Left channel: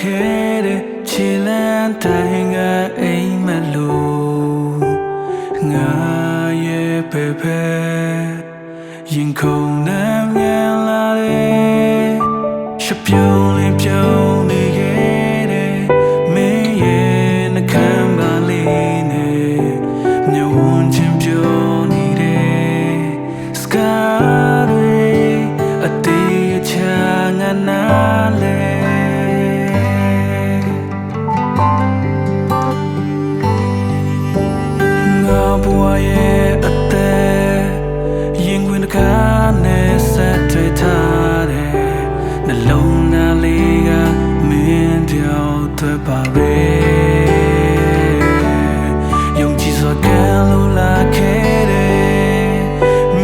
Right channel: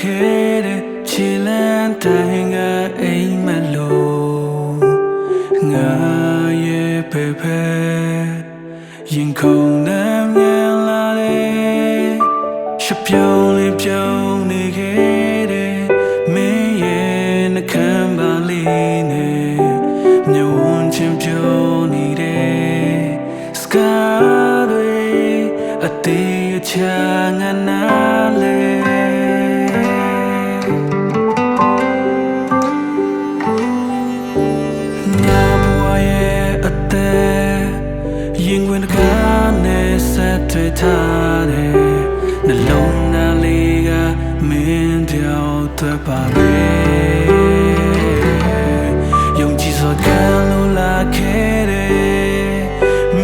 ခဲ့တဲ့ခြေလမ်းတိုင်းကအိမ်မလို့ငါရဲ့ဖေဖေရင်ခုန်နှမ်းမြန်လာတဲ့ရှပြုံးလေးပြုံးနေခဲ့တဲ့မင်းရဲ့နှကမ်းပါလေးနဲ့မျက်ဝန်းချင်းပြောနေတဲ့စကားတွေအတေးအချာငါနားလဲအသက်ရင်ခွင်တကားနဲ့ဆက်ထွေးထားတဲ့နှလုံးသားလေးကမင်းတယောက်တွေ့ပါပဲယုံကြည်စွာခံလို့လာခဲ့တဲ့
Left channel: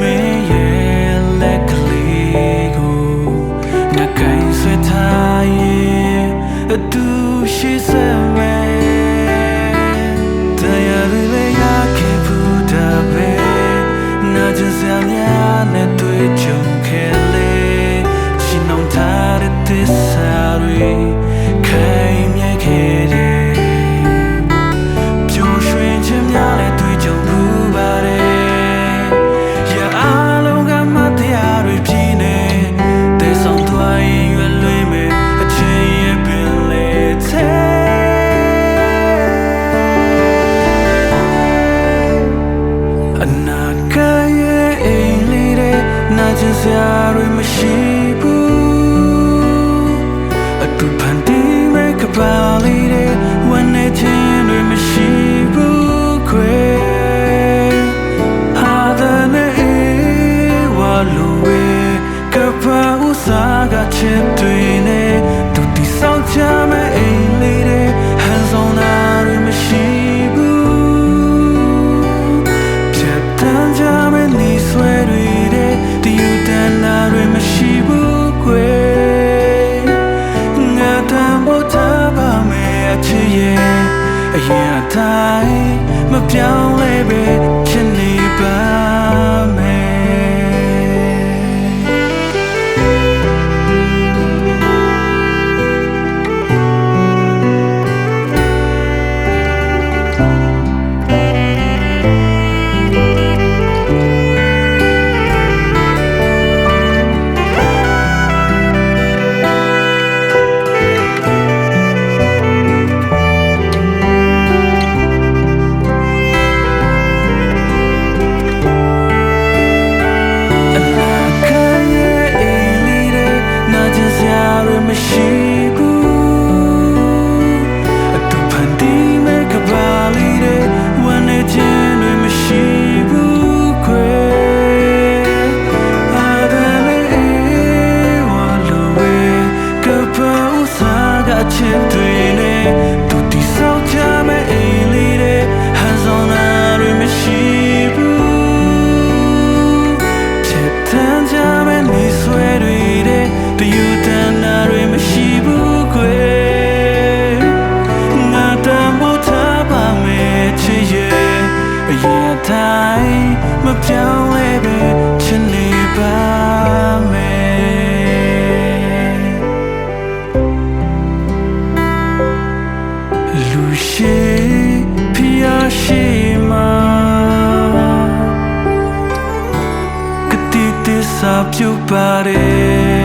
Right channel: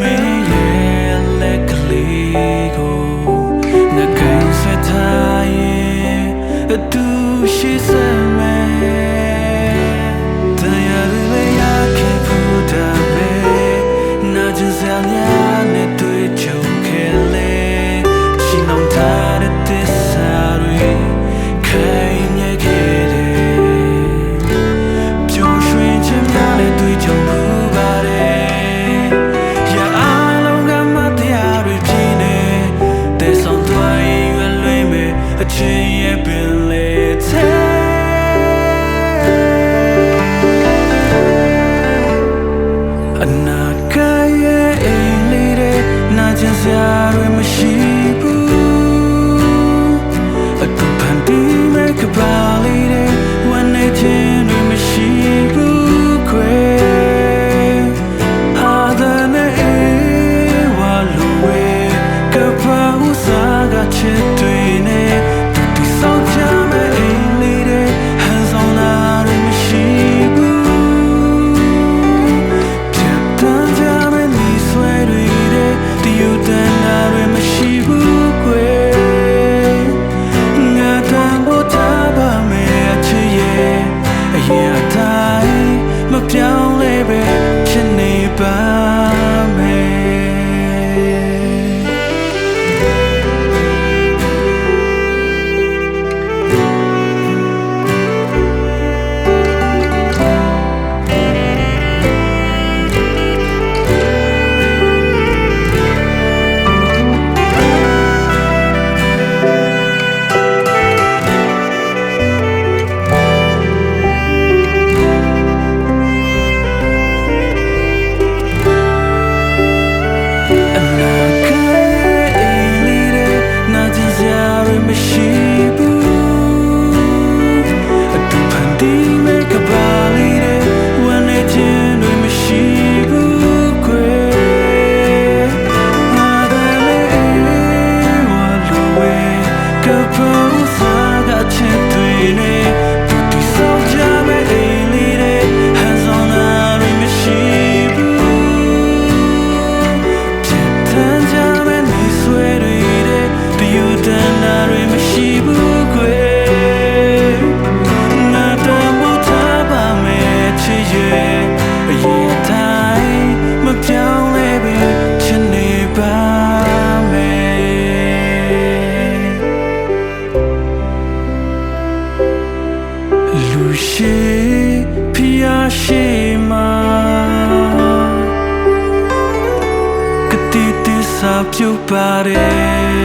မင်းရဲ့လက်ကလေးကိုငါကိုင်းဆွဲထားရင်အတူရှိစမယ်တရားတွေရခဲ့ဘူးတာပဲနာကျင်စရာများနဲ့တွေ့ကြုံခဲ့လေရှင်းအောင်ထားတဲ့သစ္စာတွေခိုင်မြဲခဲ့တယ်ပျော်ရွှင်ခြင်းများနဲ့တွေ့ကြုံဘူးပါတယ်ရအားလုံးကမတရားတွေပြင်းနေတဲ့ဆောင်သွားရင်ရွယ်လွင်မဲ့အချင်းရဲ့ပင်လေနာကျင်စရာတွေမရှိဘူးအတူဖန်တီးမဲ့ကပါလေးတွေဝန်နေခြင်းတွေမရှိဘူးခွေဟာတဲ့နေဝါလူဝေကပါဥစားကချစ်တွေနဲ့တူတီဆောင်ချမဲ့အိမ်လေးတွေဟန်ဆောင်တာတွေမရှိဘူးဖြတ်တန်းကြမဲ့နေဆွဲတွေဒီယူတန်နာတွေမရှိဘူးကွယ်ငါတန်ဖို့ထားပါမယ်အချစ်ရဲ့အရင်အတိုင်းမပြောင်းလဲပဲချစ်နေပါမယ်ကျင်စရာတွေမရှိဘူးအတူဖန်တီးမဲ့ကပါလေးတွေဝန်နေခြင်းတွေမရှိဘူးခွေအားတဲ့လေးဝါလိုဝေကပါဥစားကချစ်တွေနဲ့တူတီဆောင်ကြမဲ့အိမ်လေးတွေဟန်ဆောင်တာတွေမရှိဘူးဖြစ်တန်းကြမဲ့နေဆွဲတွေဒီယူတန်နာတွေမရှိဘူးကွယ်ငါတန်ဖို့ထားပါမယ်ချစ်ရဲ့အရင်အတိုင်းမပြောင်းလဲပဲချစ်နေပါမယ်လူရှိဖျားရှိမှာကတိတစ္ဆာပြုတ်ပါတယ်